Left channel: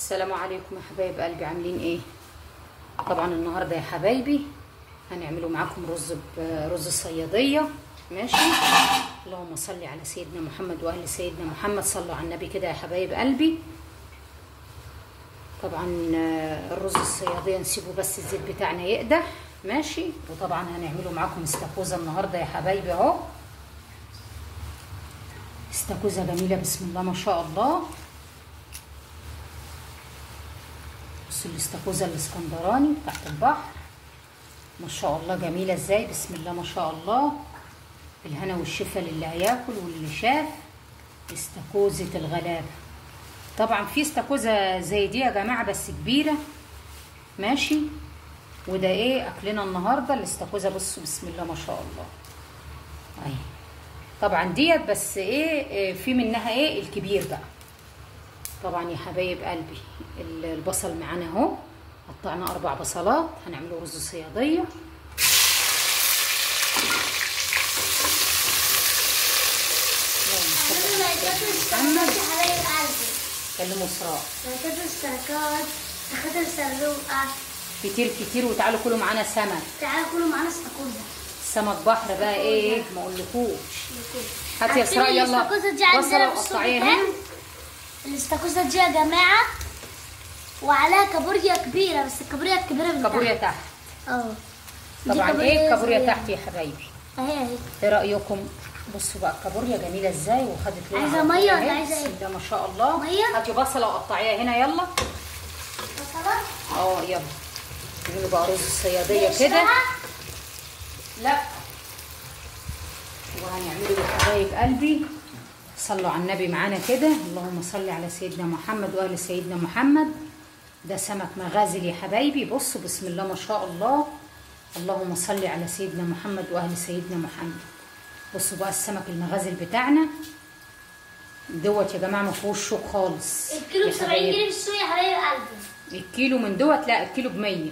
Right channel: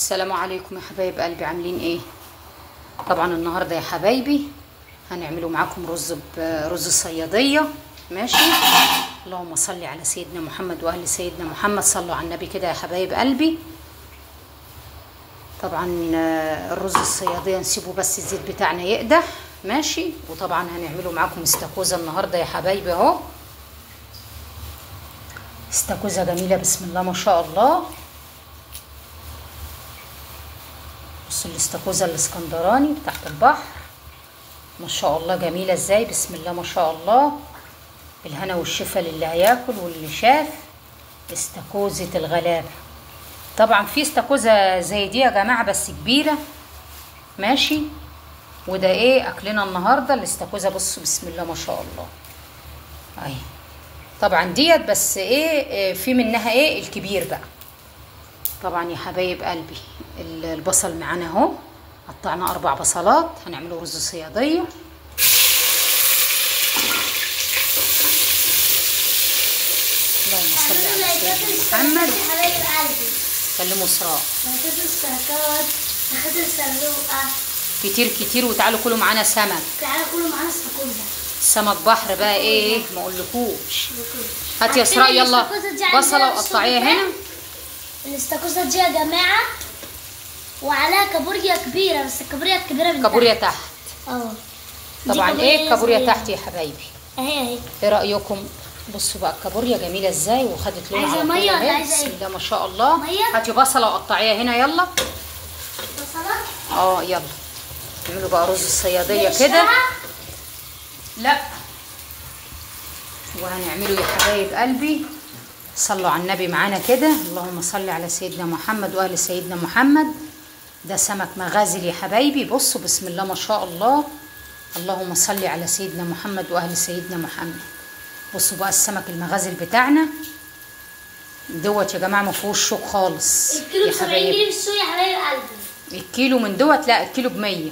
السلام عليكم يا حبايب قلبي، عاملين ايه؟ طبعا النهارده يا حبايبي هنعملوا معاكم رز الصياديه. ماشي. اللهم صل على سيدنا محمد واهل سيدنا محمد، صلوا على النبي كده يا حبايب قلبي. طبعا الرز الصياديه نسيبه بس الزيت بتاعنا يقدح. ماشي. وطبعا هنعملوا معاكم استاكوزا النهارده يا حبايبي اهو. استاكوزا جميله بسم الله ما شاء الله. بصوا الاستاكوزا الاسكندراني بتاعت البحر ما شاء الله جميله ازاي، بسم الله ما شاء الله. بالهنا والشفا للي هياكل واللي شاف. استاكوزة الغلابه. طبعا في استاكوزا زي دي يا جماعه بس كبيره. ماشي. وده ايه اكلنا النهارده الاستاكوزا. بصوا بسم الله ما شاء الله اهي. طبعا ديت بس ايه في منها ايه الكبير بقى. طبعا يا حبايب قلبي البصل معانا اهو، قطعنا 4 بصلات هنعمله رز صياديه. اللهم صل على سيدنا محمد. كلموا اسراء كتير كتير وتعالوا كلوا معانا سمك. تعالوا كلوا معانا استاكوزا. سمك بحر بقى ايه ما اقولكوش. هاتي يا اسراء يلا بصله وقطعيها هنا. الاستاكوزا دي يا جماعه وعليها كابوريا كبيره، بس الكابوريا الكبيره من كابوريا تحت. طبعا ايه الكابوريا تحت يا حبايبي اهي. ايه رايكم؟ بصوا بقى الكابوريا جميله ازاي وخدت لونها. عايزه ميه ولا عايزه بسم ايه؟ الله ما شاء الله. هاتي بصله وقطعيها هنا يلا. بصله؟ يلا نعملوا بقى رز الصياديه كده. لا وهنعمله يا حبايب قلبي. صلوا على النبي معانا كده. اللهم صل على سيدنا محمد واهل سيدنا محمد. ده سمك مغازل يا حبايبي. بصوا بسم الله ما شاء الله. اللهم صل على سيدنا محمد واهل سيدنا محمد. بصوا بقى السمك المغازل بتاعنا دوت يا جماعه ما فيهوش شوك خالص. الكيلو ب 70 جنيه في السوق يا حبايب قلبي. الكيلو من دوت لا الكيلو ب 100.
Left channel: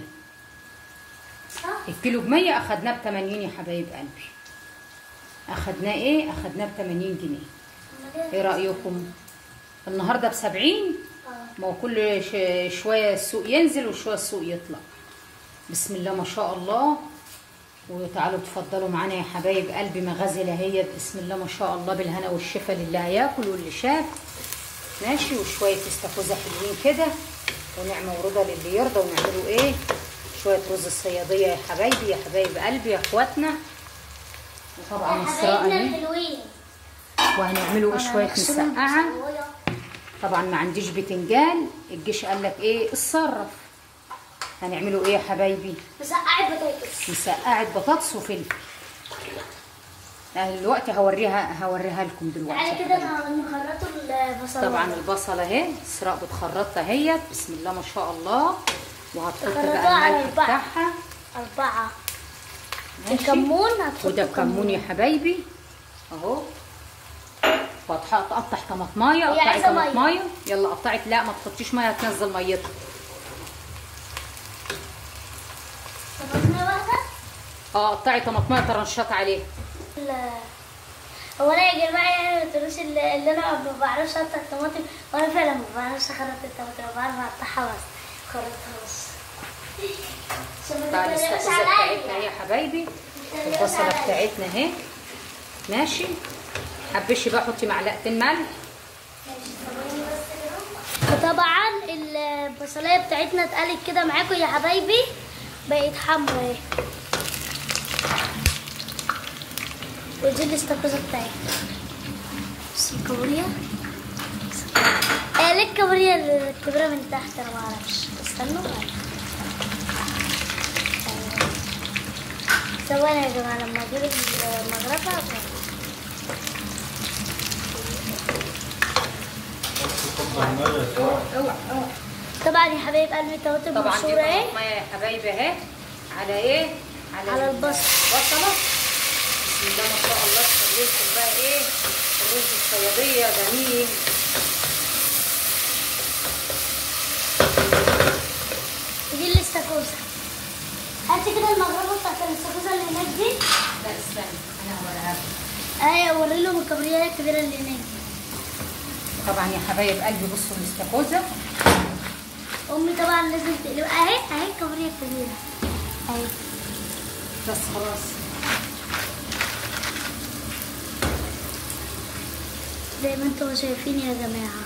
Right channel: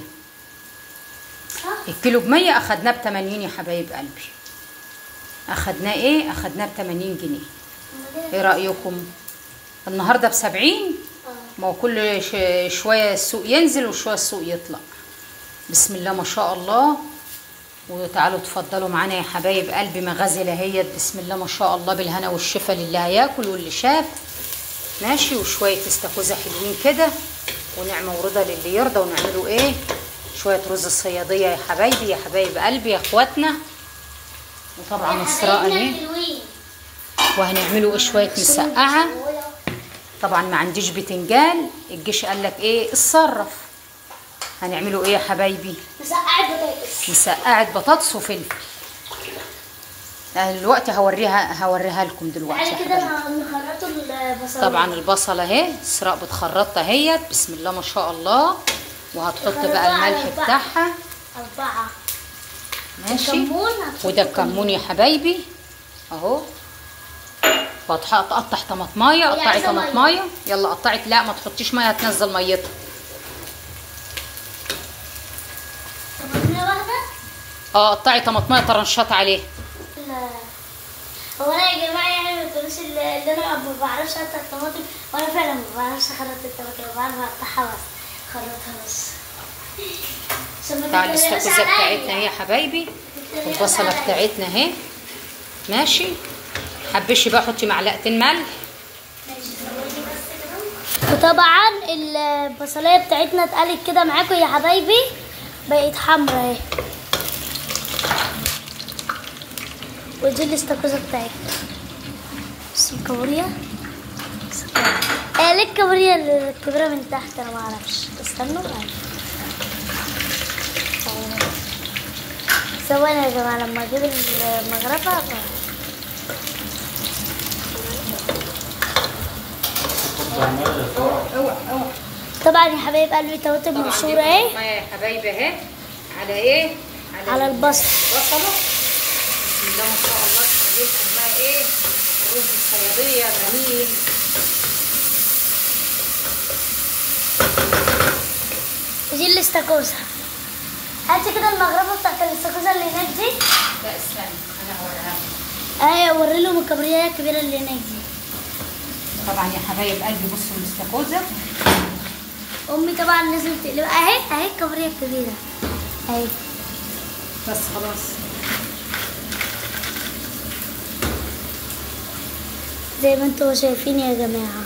الكيلو ب 100 اخدناه ب 80 يا حبايب قلبي. اخدناه ايه؟ اخدناه ب 80 جنيه. ايه رايكم؟ النهارده ب 70. ما هو كل شويه السوق ينزل وشويه السوق يطلع. بسم الله ما شاء الله. وتعالوا تفضلوا معانا يا حبايب قلبي مغازل اهيت. بسم الله ما شاء الله بالهنا والشفا للي هياكل واللي شاف. ماشي. وشويه استاكوزا حلوين كده ونعمه ورضا للي يرضى. ونعملوا ايه شويه رز الصياديه يا حبايبي يا حبايب قلبي يا اخواتنا. وطبعا اسراء اهي. وهنعملوا شويه مسقعه. طبعا ما عنديش بتنجان. الجيش قال لك ايه اتصرف. هنعملوا ايه يا حبايبي؟ مسقعه بطاطس. مسقعه بطاطس وفلفل. دلوقتي هوريها لكم دلوقتي يا كده حبايبي. نخرطوا البصل. طبعا البصله اهي اسراء بتخرطها اهيت. بسم الله ما شاء الله. وهتحط بقى الملح بتاعها 4. ماشي. الكمون وده الكمون يا حبايبي اهو. وهتقطع طماطمايه. قطعي طماطمايه يلا قطعي. لا ما تحطيش ميه هتنزل ميتها. طماطمايه واحده. قطعي طماطمايه طرنشات عليها. هو انا يا جماعه يعني ما تقولوش اللي انا ما بعرفش اقطع الطماطم، وانا فعلا ما بعرفش اخرط الطماطم، بعرف اقطعها بس اخرطها بس. طبعا الاستاكوزا بتاعتنا اهي يا حبايبي. والبصله بتاعتنا اهي. ماشي. حبشي بقى حطي معلقتين ملح. وطبعا البصلايه بتاعتنا اتقلت كده معاكم يا حبايبي، بقت حمرا اهي. ودي الاستاكوزا بتاعتنا. بص الكابوريا. ليه الكابوريا الكبيره من تحت؟ انا ما اعرفش. استنوا ثواني يا جماعه لما اجيب المغرفه. اوعى. طبعا يا حبايب قلبي طماطم مبشوره اهي. طبعا يا حبايبي اهي على ايه؟ على البصل. بصله. بسم الله ما شاء الله. تخلي لكم بقى ايه الرز الصياديه جميل. دي الاستاكوزا. هاتي كده المغرفه بتاعت الاستاكوزا اللي هناك دي. لا استنى انا هوريها لكم. اوري لهم الكابوريا الكبيره اللي هناك دي. طبعا يا حبايب قلبي بصوا الاستاكوزا امي طبعا لازم تقلب اهي الكابوريا الكبيره اهي. بس خلاص. زي ما انتوا شايفين يا جماعه،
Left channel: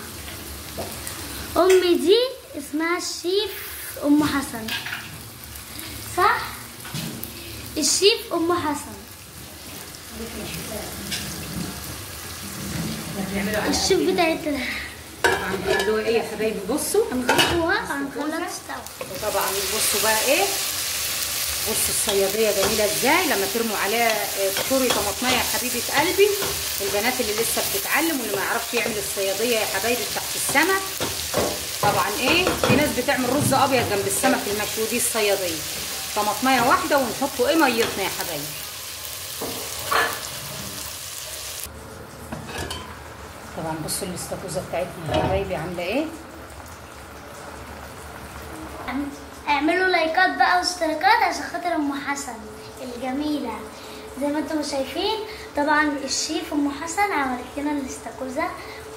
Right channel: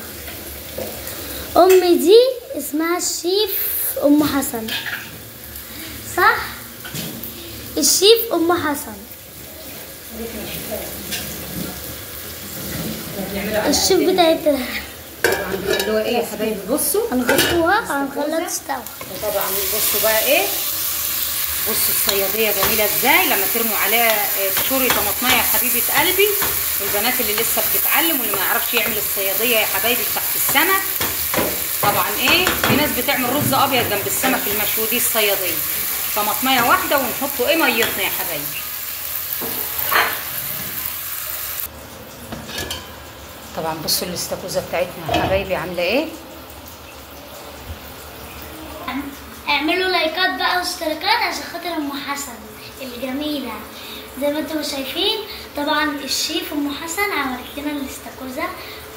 امي دي اسمها الشيف ام حسن، صح؟ الشيف ام حسن. الشيف بتاعتنا طبعا بيعملوها ايه يا حبايبي؟ بصوا هنغطوها هنخليها تشتغل. وطبعا بصوا بقى ايه، بصوا الصياديه جميله ازاي لما ترموا عليها تشوري طماطميه يا حبيبه قلبي. البنات اللي لسه بتتعلم واللي ما يعرفش يعمل الصياديه يا حبايبي تحت السمك، طبعا ايه في ناس بتعمل رز ابيض جنب السمك المشوي، دي الصياديه طماطميه واحده ونحطوا ايه ميتنا يا حبايبي. طبعا بصوا الاستاكوزا بتاعتنا يا حبايبي عامله ايه. اعملوا لايكات بقى واشتراكات عشان خاطر ام حسن الجميله. زي ما انتم شايفين طبعا الشيف ام حسن عملت لنا الاستاكوزا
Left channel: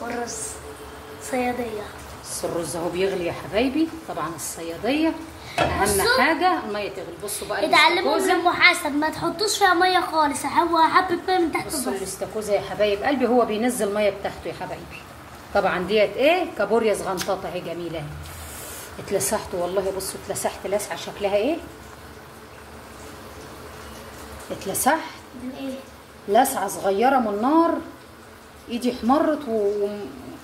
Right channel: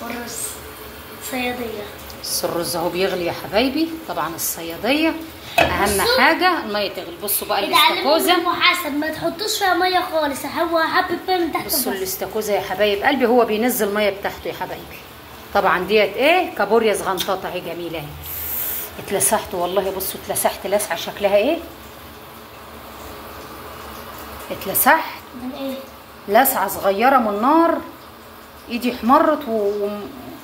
والرز صياديه. بصوا الرز اهو بيغلي يا حبايبي. طبعا الصياديه اهم حاجه الميه تغلي. بصوا بقى الاستاكوزا ام حسن ما تحطوش فيها ميه خالص، هو حبه ميه من تحت. بصوا الاستاكوزا يا حبايب قلبي هو بينزل الميه بتاعته يا حبايبي. طبعا ديت ايه كابوريا صغنطاطه اهي جميله اهي. اتلسحت والله، بصوا اتلسحت لسعه شكلها ايه، اتلسحت من ايه؟ لسعه صغيره من النار، ايدي احمرت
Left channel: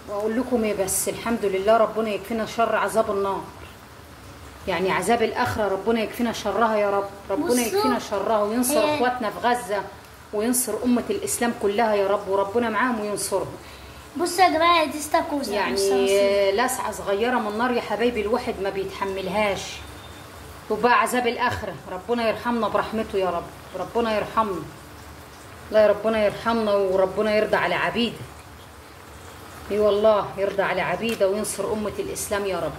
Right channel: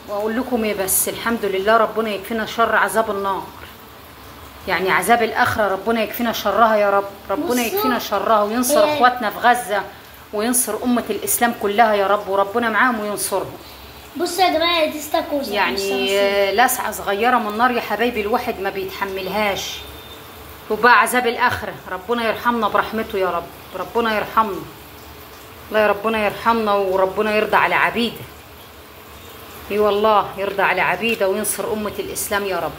واقول لكم ايه، بس الحمد لله ربنا يكفينا شر عذاب النار، يعني عذاب الاخره ربنا يكفينا شرها يا رب. ربنا يكفينا شرها وينصر اخواتنا في غزه وينصر امه الاسلام كلها يا رب، وربنا معاهم وينصرهم. بصوا يا جماعه دي استاكوزا يعني لسعه صغيره من النار يا حبايبي الواحد ما بيتحملهاش، وبقى عذاب الاخره. ربنا يرحمنا برحمته يا رب، ربنا يرحمنا. الله يا ربنا يرحمنا وربنا يرضى على عبيده. اي والله يرضى على عبيده وينصر امه الاسلام يا رب.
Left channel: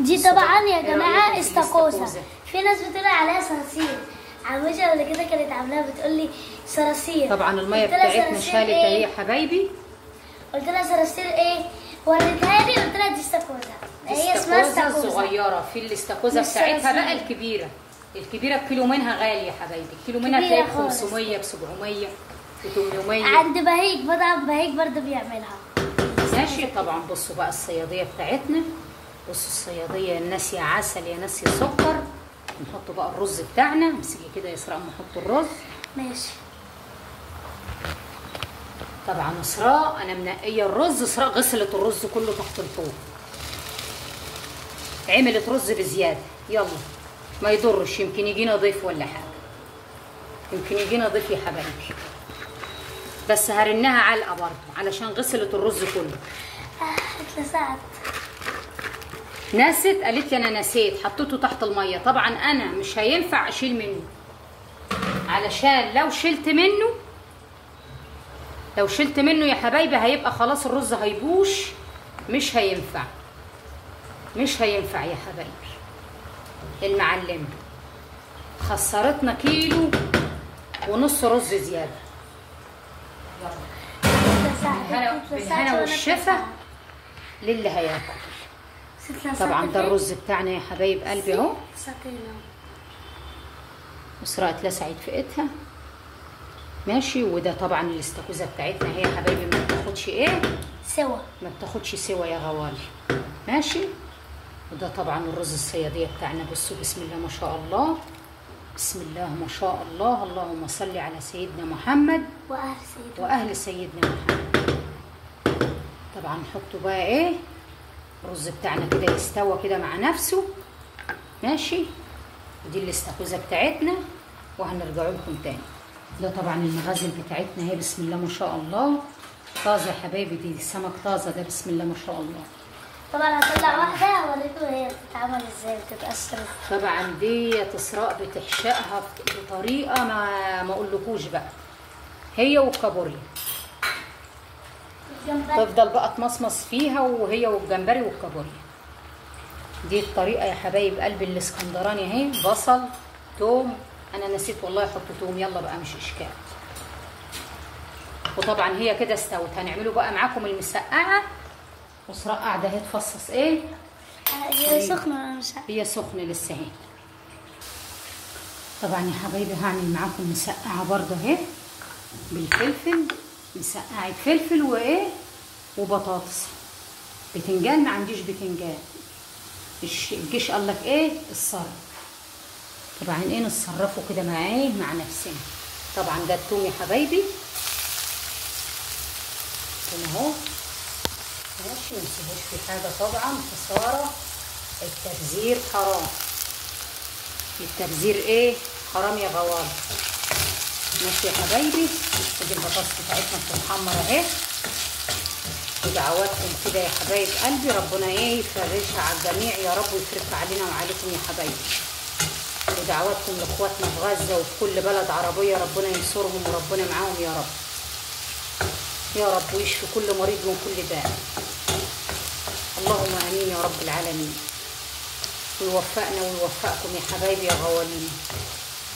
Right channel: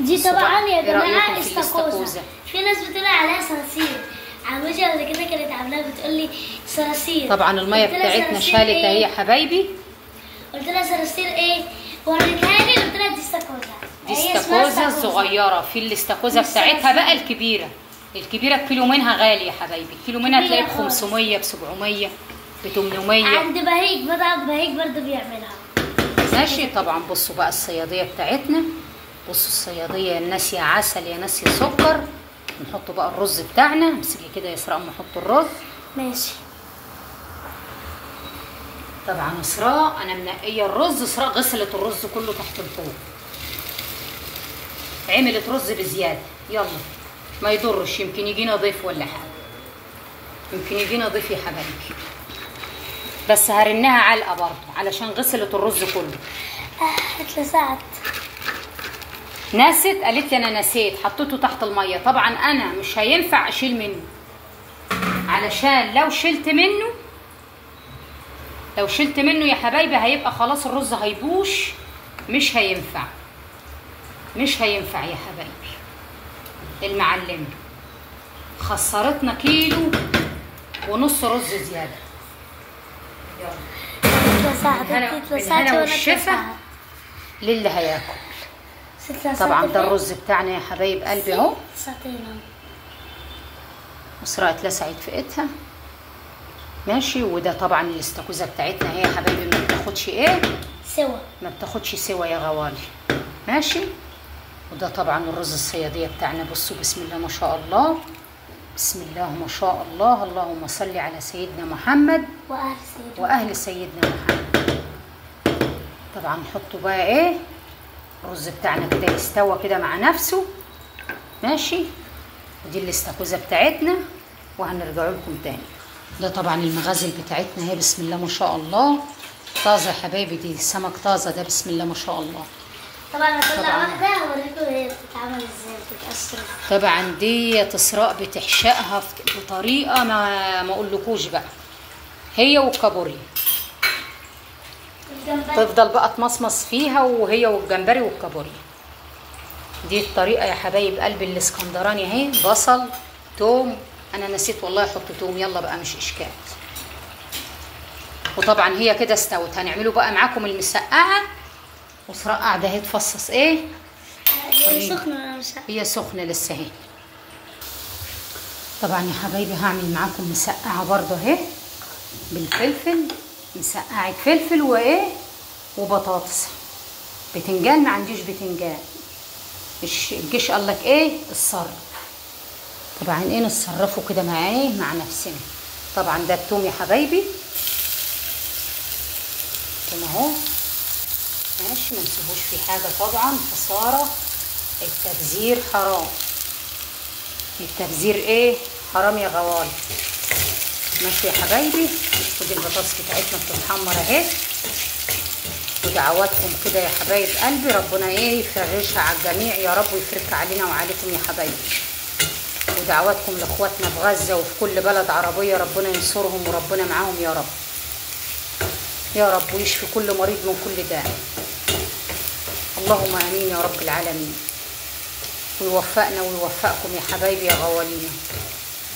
دي طبعا يا جماعه استاكوزا. في ناس بتقول عليها صراصير، عمتي قبل كده كانت عاملاها بتقول لي صراصير. طبعا الميه بتاعتنا شالت اهي يا حبايبي. قلت لها صراصير ايه؟ وريتها لي قلت لها دي استاكوزا. دي استاكوزا صغيره. في الاستاكوزا بتاعتها بقى الكبيره. الكبيره الكيلو منها غالي يا حبايبي، الكيلو منها تلاقيه ب 500 ب 700 ب 800. عند بهيج مطعم بهيج برضه بيعملها. ماشي. طبعا بصوا بقى الصياديه بتاعتنا. بصوا الصياديه يا ناس يا عسل يا ناس يا سكر. نحط بقى الرز بتاعنا. امسكي كده يا اسراء نحط الرز. ماشي. طبعا اسراء انا منقيه الرز. اسراء غسلت الرز كله تحت الحوض، عملت رز بزياده. يلا ما يضرش، يمكن يجينا ضيف ولا حاجه، يمكن يجينا ضيف يا حبايبي. بس هرنها علقه برضه علشان غسلت الرز كله. اتلسعت. نست قالت لي انا نسيت حطيته تحت الميه. طبعا انا مش هينفع اشيل منه، علشان لو شلت منه يا حبايبي هيبقى خلاص الرز هيبوش، مش هينفع يا حبايبي. المعلمه خسرتنا كيلو ونص رز زياده. بالهنا والشفا للي هياكل. طبعا ده الرز بتاعنا يا حبايب قلبي اهو. اسراء اتلسعت في ايدها. ماشي. وده طبعا الاستاكوزا بتاعتنا هي يا حبايبي ما بتاخدش ايه سوا، ما بتاخدش سوا يا غوالي. ماشي. وده طبعا الرز الصياديه بتاعنا. بصوا بسم الله ما شاء الله، بسم الله ما شاء الله. اللهم صل على سيدنا محمد واهل سيدنا محمد. طبعا نحطه بقى ايه الرز بتاعنا كده يستوى كده مع نفسه. ماشي. ودي الاستاكوزا بتاعتنا وهنرجع لكم تاني. ده طبعا المغازل بتاعتنا اهي بسم الله ما شاء الله، طازه يا حبايبي. دي سمك طازه ده بسم الله ما شاء الله. طبعا هطلع واحده اوريكم هي بتتعمل ازاي بتتقشر. طبعا دي اسراء بتحشقها بطريقه ما اقولكوش بقى، هي والكابوريا تفضل بقى تمصمص فيها، وهي والجمبري والكابوريا. دي الطريقه يا حبايب قلبي الاسكندراني اهي. بصل توم، انا نسيت والله احط توم، يلا بقى مش اشكال. وطبعا هي كده استوت. هنعمله بقى معاكم المسقعه. واسراء قاعده اهي تفصص ايه هي سخنة. هي سخنة لسه اهي. طبعا يا حبايبي هعمل معاكم مسقعة برضه اهي بالفلفل، مسقعة فلفل وايه وبطاطس. بتنجان ما عنديش بتنجان، مش الجيش قال لك ايه الصرف. طبعا ايه نتصرفوا كده مع ايه مع نفسنا. طبعا ده التوم يا حبايبي هنا اهو ماشي، ما نسيبوش في حاجه طبعا. خساره التبذير حرام، التبذير ايه حرام يا غوال. ماشي يا حبايبي. ودي البطاطس بتاعتنا بتتحمر اهي. ودعواتكم كده يا حبايب قلبي، ربنا ايه يفرجها على الجميع يا رب، ويفرجها علينا وعليكم يا حبايبي. ودعواتكم لاخواتنا في غزه وفي كل بلد عربيه، ربنا ينصرهم وربنا معاهم يا رب يا رب، ويشفي كل مريض من كل داء. اللهم امين يا رب العالمين. ويوفقنا ويوفقكم يا حبايبي يا غوالينا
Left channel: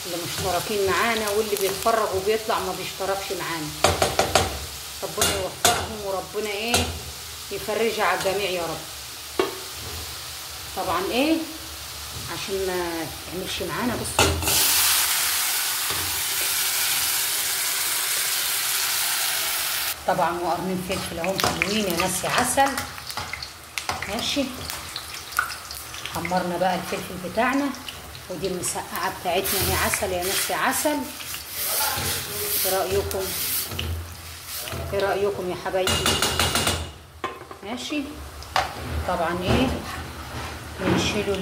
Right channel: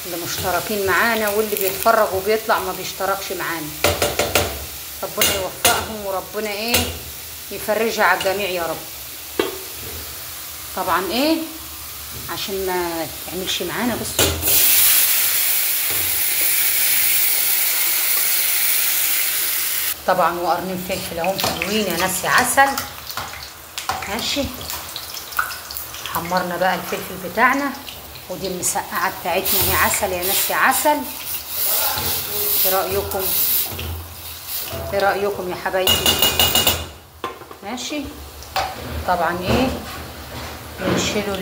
اللي مشتركين معانا، واللي بيتفرج وبيطلع ما بيشتركش معانا. ربنا يوفقهم وربنا ايه يفرجها على الجميع يا رب. طبعا ايه عشان ما تعملش معانا بصوا طبعا وقرنين فلفل اهم حلوين يا ناس يا عسل. ماشي. حمرنا بقى الفلفل بتاعنا. ودي المسقعه بتاعتنا هي عسل يا ناس يا عسل. ايه رايكم؟ ايه رايكم يا حبايبي؟ ماشي. طبعا ايه بنشيلوا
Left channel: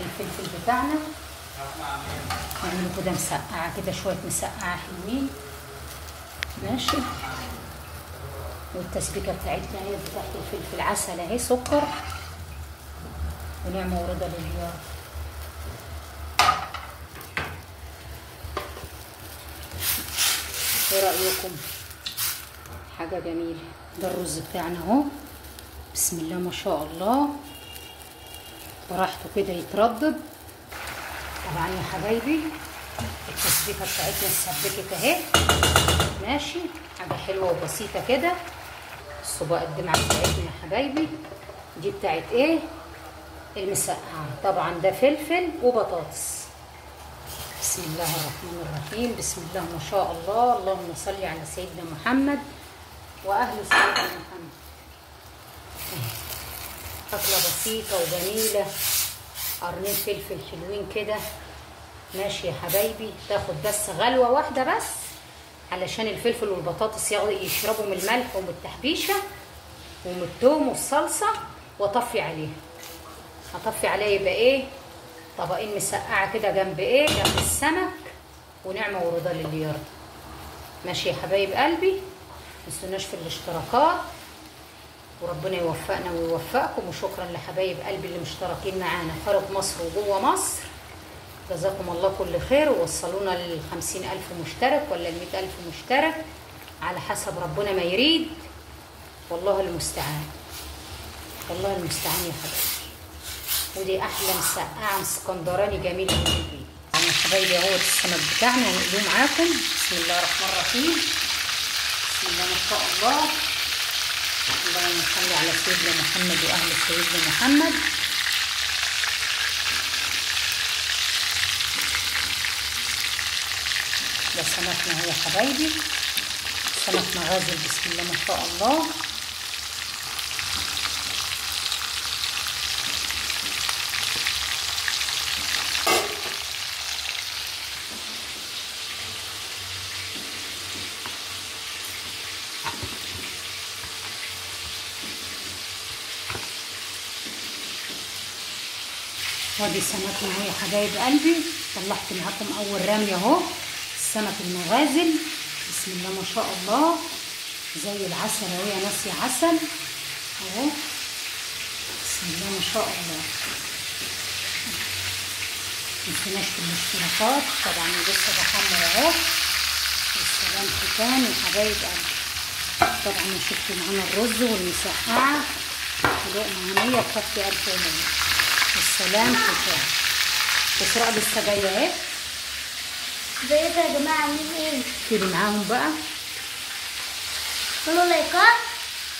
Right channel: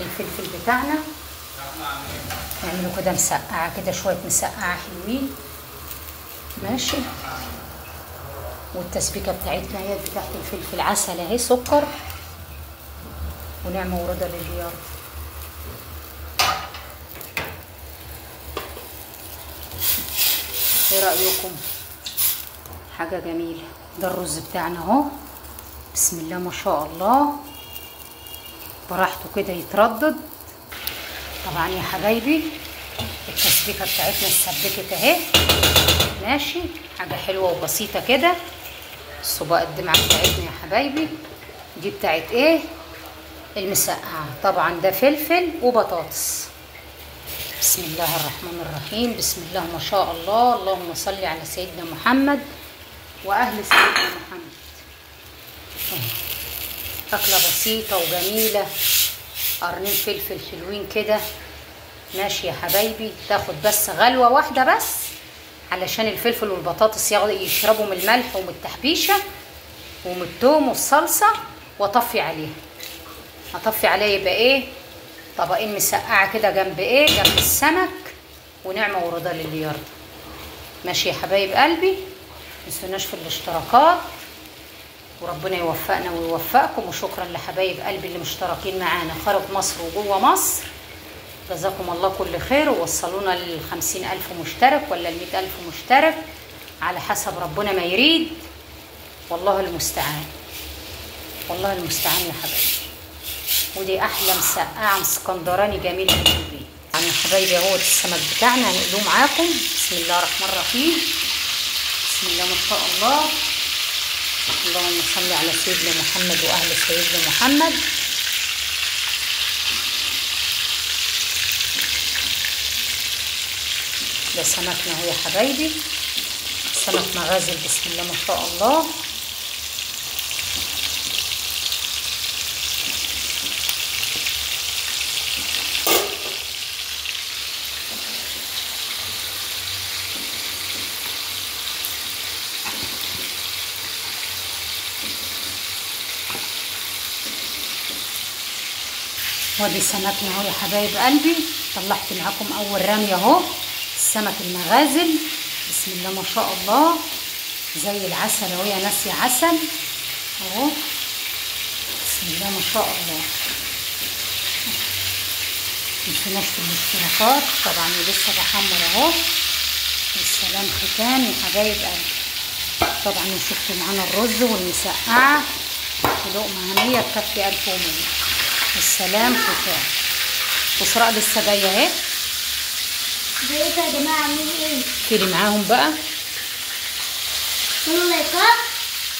الفلفل بتاعنا، نعمله كده مسقعه كده، شويه مسقعه حلوين. ماشي. والتسبيكه بتاعتنا هي بتاعت الفلفل عسل اهي، سكر ونعمه ورضا لله يا رب. ايه رايكم؟ حاجه جميله. ده الرز بتاعنا اهو، بسم الله ما شاء الله، براحته كده يتردد. طبعا يا حبايبي التسبيكه بتاعتنا اتسبكت اهي. ماشي. حاجه حلوه وبسيطه كده. الصباع الدمعه بتاعتنا يا حبايبي دي بتاعت ايه المسقعه. طبعا ده فلفل وبطاطس. بسم الله الرحمن الرحيم. بسم الله ما شاء الله. اللهم صل على سيدنا محمد واهل سيدنا محمد. اكله بسيطه وجميله، قرنين فلفل حلوين كده. ماشي يا حبايبي. تاخد بس غلوه واحده بس علشان الفلفل والبطاطس يشربوا من الملح ومن التحبيشه ومن الثوم والصلصه، واطفي عليها. اطفي عليها يبقى ايه طبقين مسقعه كده جنب ايه جنب السمك، ونعمه ورضا للي يرضى. ماشي يا حبايب قلبي. متنسوناش في الاشتراكات، وربنا يوفقنا ويوفقكم. وشكرا لحبايب قلبي اللي مشتركين معانا خارج مصر وجوه مصر. جزاكم الله كل خير. ووصلونا ل50,000 مشترك ولا ل100,000 مشترك على حسب ربنا ما يريد. والله المستعان، والله المستعان يا حبايبي. ودي احلى مسقعه اسكندراني جميله في البيت. يعني يا حبايبي اهوت السمك بتاعنا هنقلوه معاكم. بسم الله الرحمن الرحيم. بسم الله ما شاء الله. اللهم صل على سيدنا محمد واهل سيدنا محمد. ده سمكنا اهو يا حبايبي، سمك مغازل. بسم الله ما شاء الله. ودي سمكنا اهو يا حبايب قلبي. طلعت معاكم اول رميه اهو السمك المغازل. بسم الله ما شاء الله زي العسل اهو يا ناس يا عسل اهو. بسم الله ما شاء الله. متنسوناش في الاشتراكات. طبعا لسه بحمر اهو. والسلام ختام يا حبايب قلبي. طبعا شفتوا معانا الرز والمسقعه ولقمه هنيه تكفي 1100. والسلام ختام. وسراء لسه جايه اهي. ازيكم يا جماعه عاملين ايه؟ كيلي معاهم بقى. اعملوا لايكات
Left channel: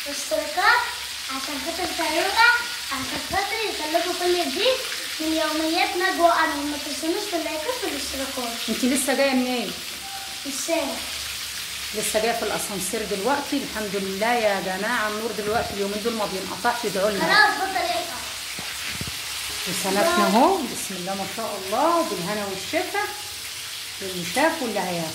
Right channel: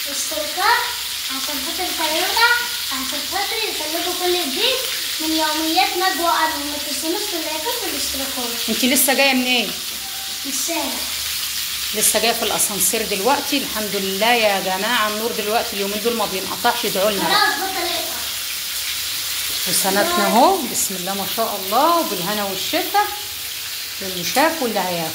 واشتراكات عشان خاطر تعملونا عشان خاطر يوصلكوا كل جديد من يوميات نجوى أنا. وما تنسونوش في اللايكات والاشتراكات. انت لسه جايه منين؟ من الشارع. لسه جايه في الاسانسير دلوقتي. الحمد لله يا جماعه النور دلوقتي اليومين دول ما بينقطعش، ادعوا لنا. خلاص بطل يقطع. وسمكنا اهو بسم الله ما شاء الله، وبالهنا والشفا للي شاف واللي هياكل.